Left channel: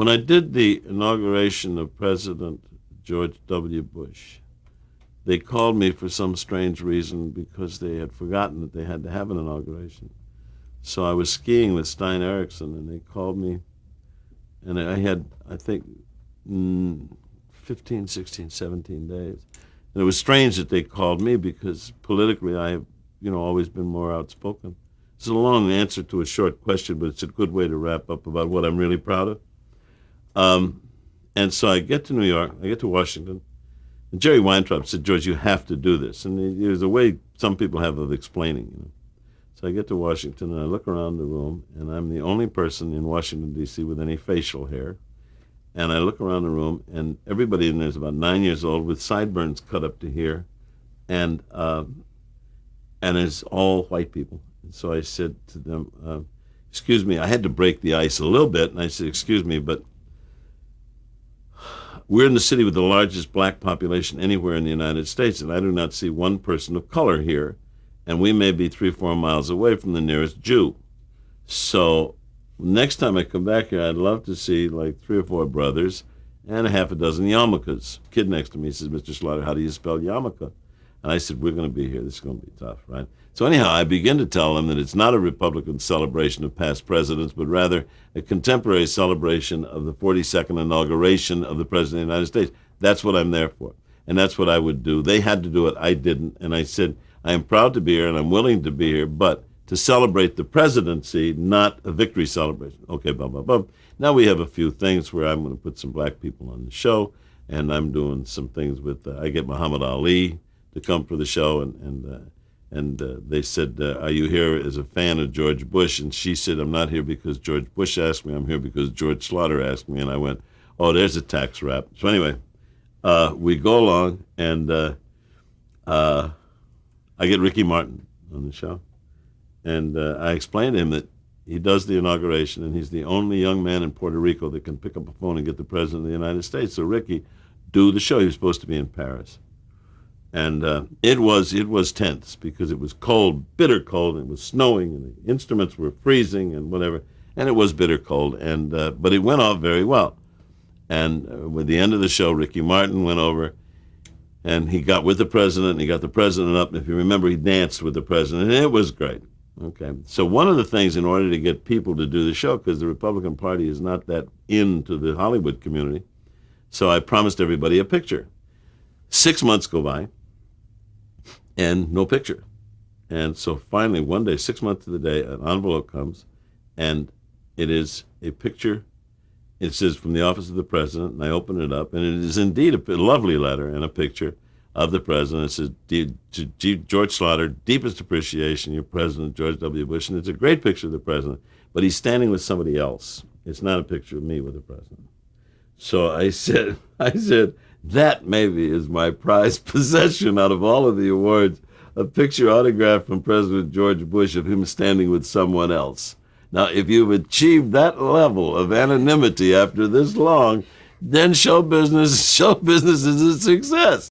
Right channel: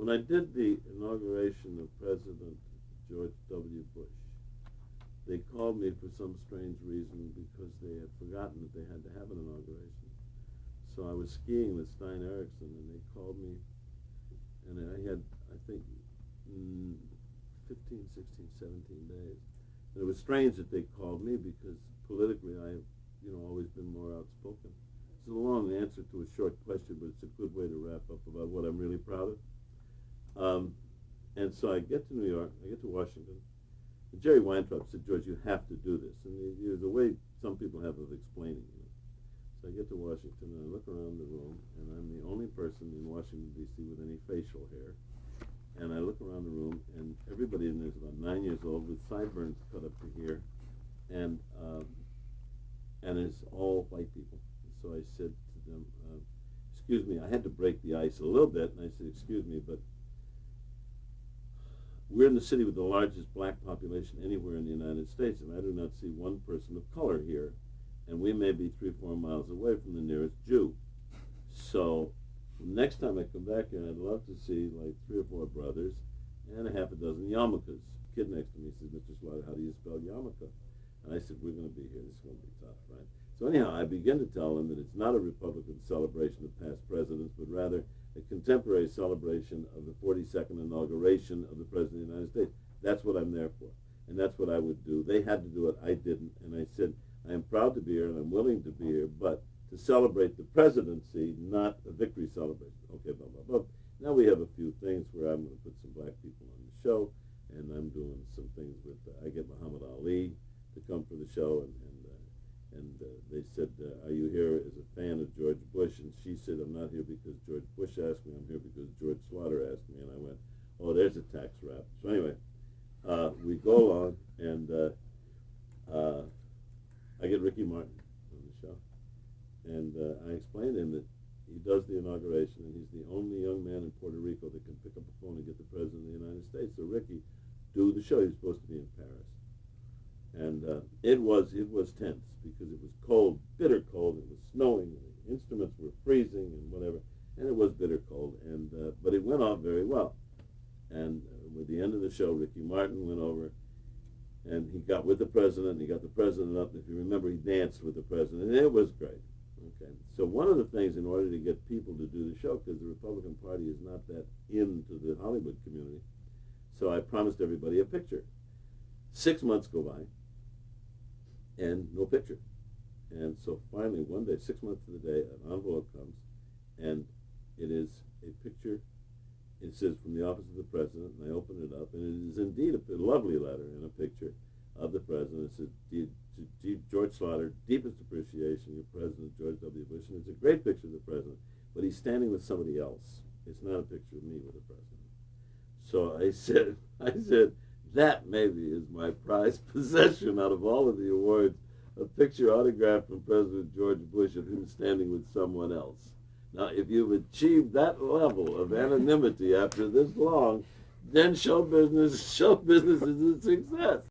When I did the inauguration of President George W. Bush, they called me for some strange reason because they had forgotten that they had to have an inauguration. So I was skiing with Stein Erikson, and they called me, and I had, I think, 15, 16, 17 days. And it was strange that they called me because politically I have, always been more outspoken. It's a long answer to a short question, but it's a good way to wrap up about what I'm really proud of. And so I get to New York, I get to Washington, and Jerry Weintraub said, George, you have to do this. And there's a way some people have of explaining. So I get to Washington, and I look around the room, and I'm the only person in Washington, D.C. with any facial hair. And I look around the room, and everybody in there is about 9 years old with sideburns cut up to here, and it's all white people. And so I said to them, excuse me, I had to break the ice a little bit, and I said, excuse me, but we're in the city with the largest black population anywhere in the United States, and I do not see one person of color here, and we may be 3 or 4 miles away from the nearest Jew. So next time I come back here, I'd love to see like 3 or 4 brothers and a half a dozen yarmulkes. Kid next to me says, Mr. Schlatter, how do you spell yarmulke? And I said, we're going to be here. This is going to be tough, right? So anyhow, I begin to tell them that it's not a Republican celebration of past presidents, but rather a contemporary celebration of the 42nd inauguration of the President of the United States. That's what I'm there for, and that's what I would do. They had to do it. I didn't, and I said, I am proud to be here, and I'm willing to be here, but to celebrate the presidency, not a victory celebration. Okay, blah, blah, blah. Now we have a few things where I'm going to put some black people on the show, and I'm doing some things with, I get Muhammad Ali to come for the show, and they said, are you here as a fan of George Bush? And she said, I'm not here because George Bush asked me, I'm here because George Schlatter asked me. And I went, oh, there's a tax wrap. So anyway, we go along, and I get Ricky Martin on the show. And I explained to him that he does the inauguration, and he's the only young man in Puerto Rico that can pick up a phone and get the President of the United States. So Ricky, do the show. He was supposed to be in Paris. And it was tense because it was cold, bitter cold, and it was snowing, and the instruments were freezing and whatever, and it was bitter cold, and but it went off very well. And with the end of the show, Ricky Martin went over, and he got with the president, and he got the president up, and if you remember, he danced with the president, and it was great. Okay, so one of the things in order to get people to do the show, because the Republican Party is not that into the Hollywood community, so I promised everybody a picture. 6 months go by, and no picture. And so finally, one day, 6 months to the day, an envelope comes, and it is a picture. It says, from the office of the president, and I open it up, and it is indeed a lovely letter and a picture of the president. It says, to George Schlatter, deepest appreciation, your president, George W. Bush. And it's a great picture of the president, but he's standing with somebody else. It's not a picture of me with the president. So I said, that maybe is my prized possession out of all of the awards, a picture autographed from President George Bush of him standing with someone else. Now, if you've achieved that level of anonymity after this long, then show business is a success.